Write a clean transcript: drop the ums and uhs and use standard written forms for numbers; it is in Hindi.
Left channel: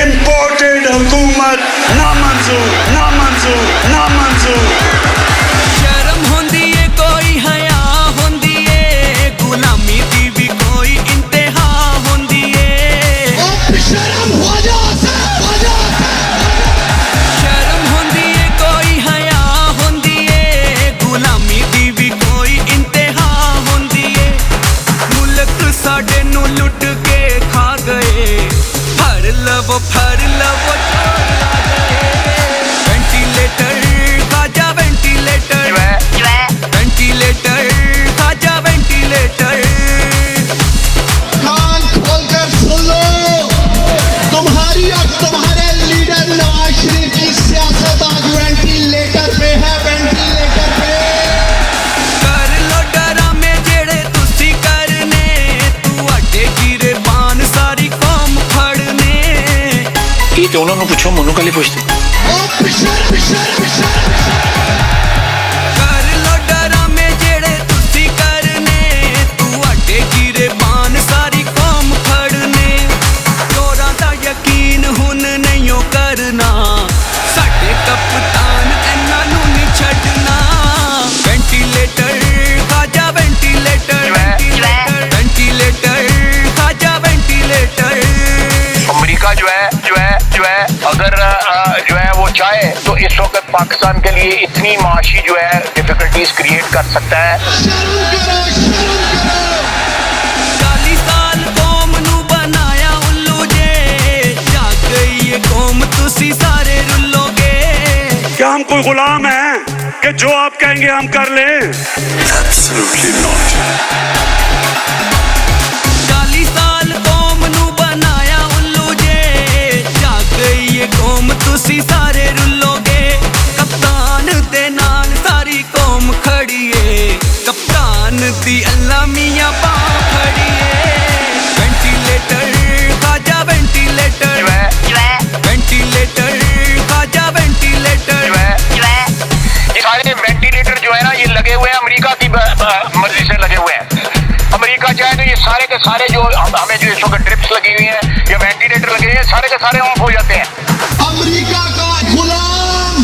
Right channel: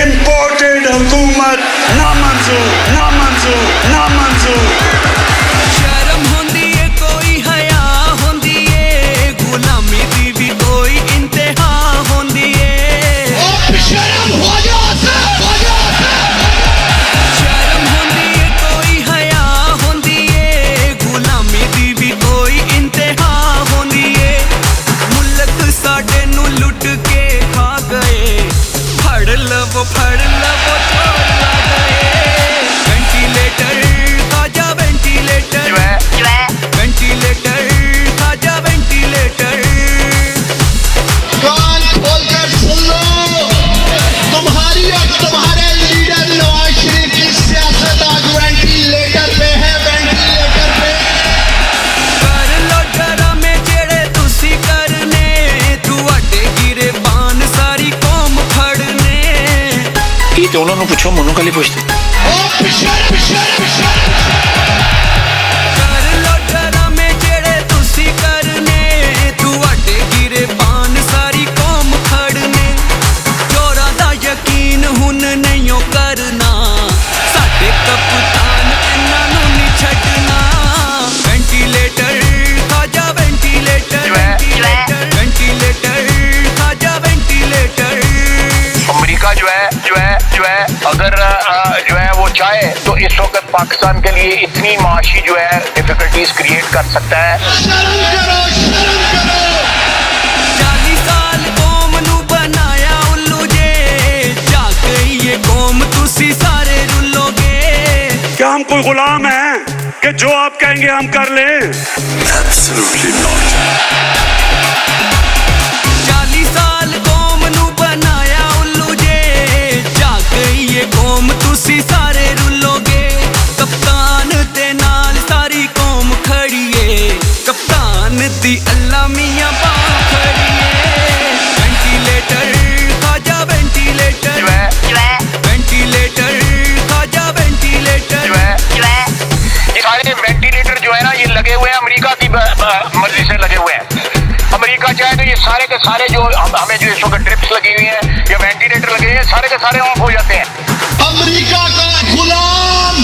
Imported हुकूमत ना मंजूर, ना मंजूर, ना मंजूर। शर्म होंदी है कोई हया होंदी है, गुलामी दी भी कोई इंतहा होंदी है। ओ शर्म हो जा, हो जा। शर्म होंदी है कोई हया होंदी है, गुलामी दी भी कोई इंतहा होंदी है। मुल्क साडे नू लुट के खा गए, फड़ लवो ਤੇ ਉਹਨਾਂ ਨੂੰ ਪੁੱਛੋ, ਮੈਨੂੰ ਕੱਲੀ ਪੁੱਛਦੇ। अगर जो है वो चाहे तो इस वक्त पाकिस्तान के लिए इतनी माशी जो है डिफिकल्टीज क्रिएट कर सकता है। क्या हम कोई गुलाम हैं कि जो आप कहेंगे हम कर लें? Absolutely not. वेंटिलेटर जो है ना, ये लगे हुए हैं अमेरिका की मर्जी से लगे हुए हैं। अमेरिका चाहे तो ये सारे के सारे जो हमें जो इस वक्त ड्रिप्स लगी हुई हैं या वेंटिलेटर लगे हैं, सारे के सारे ऑफ हो जाते हैं। अमेरिका का गुलाम